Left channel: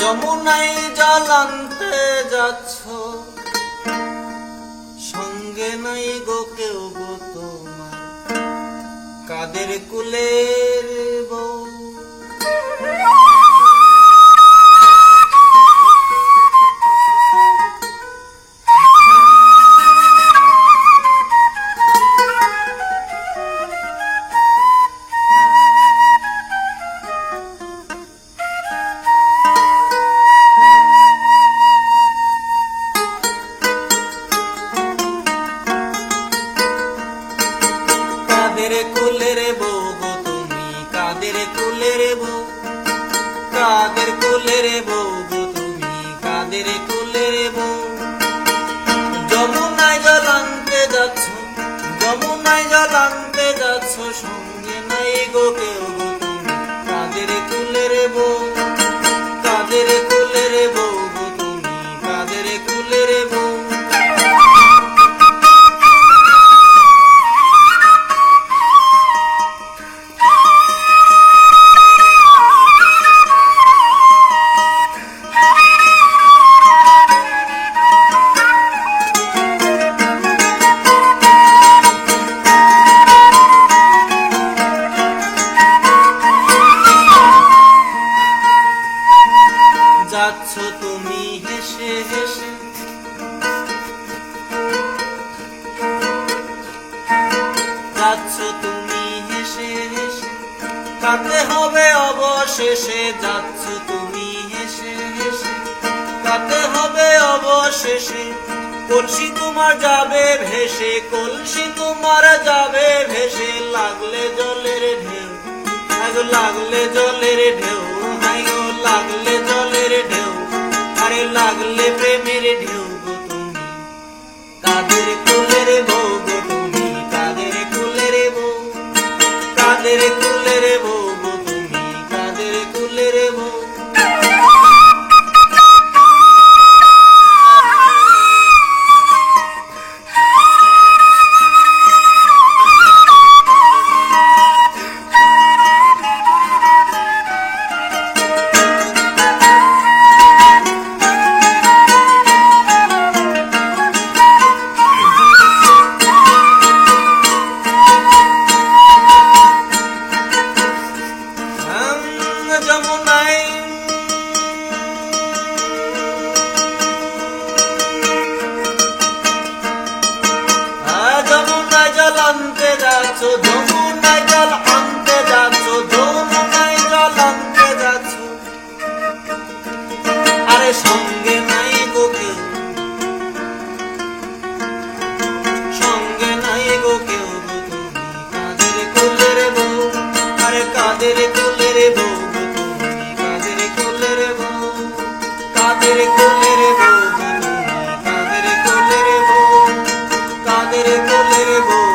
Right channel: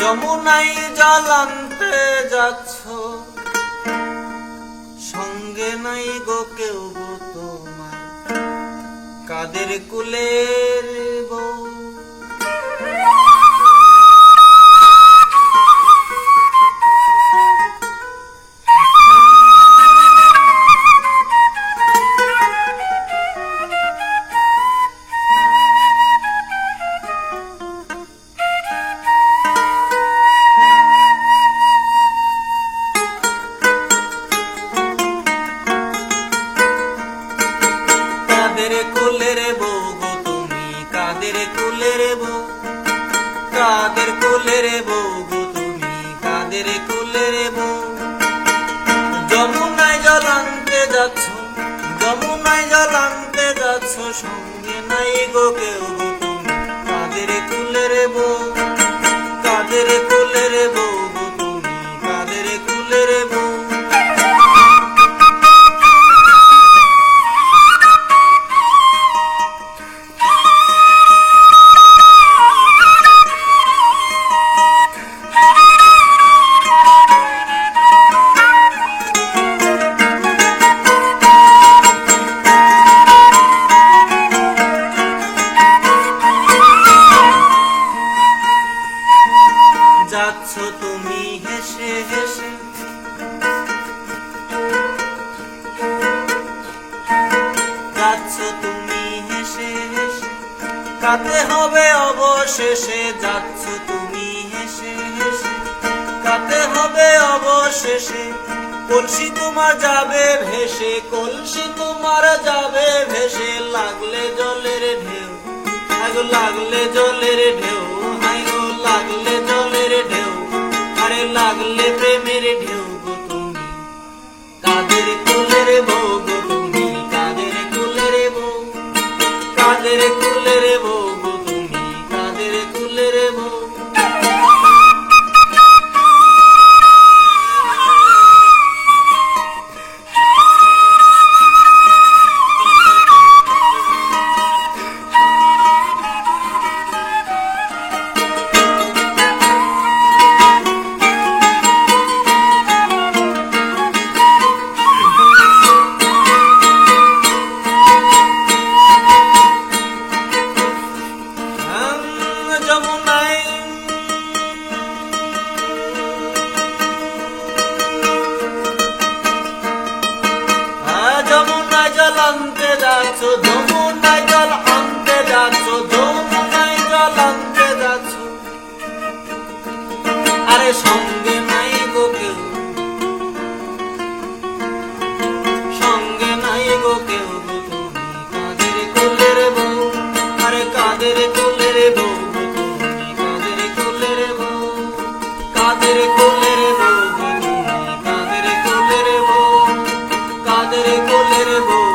যমুনায় জল আনতে যাচ্ছ, সঙ্গে নাই গো কেউ গো তোমার, কাদের কুলের বউ। কাদের কুলের বউ গো তুমি, কাদের কুলের বউ, কাদের কুলের বউ গো তুমি, কাদের কুলের বউ। যমুনায় জল আনতে যাচ্ছ, যমুনায় জল আনতে যাচ্ছ, সঙ্গে নাই গো কেউ গো তুমি, কাদের কুলের বউ, কাদের কুলের বউ গো তুমি, কাদের কুলের বউ। যাচ্ছ তুমি হেসে হেসে, যাচ্ছ তুমি হেসে হেসে, কাঁদতে হবে অবশেষে। যাচ্ছ তুমি হেসে হেসে, কাঁদতে হবে অবশেষে। কলসি তোমার যাবে ভেসে, কলসি তোমার যাবে ভেসে। লাগলে জলের ঢেউ, আগো লাগলে জলের ঢেউ, হাইগো লাগলে জলের ঢেউ, আরে লাগলে প্রেমের ঢেউ গো তুমি, কাদের কুলের বউ গো তুমি, কাদের কুলের বউ, কাদের কুলের বউ গো তুমি, কাদের কুলের বউ। যমুনায় যমুনায় জল আনতে যাচ্ছ, যমুনায় জল আনতে যাচ্ছ, যমুনায় জল আনতে যাচ্ছ, আরে সঙ্গে নাই গো কেউ, সঙ্গে নাই গো কেউ গো তুমি, কাদের কুলের বউ, আরে কাদের কুলের বউ, কাদের কুলের বউ, কাদের কুলের বউ, কাদের কুলের বউ।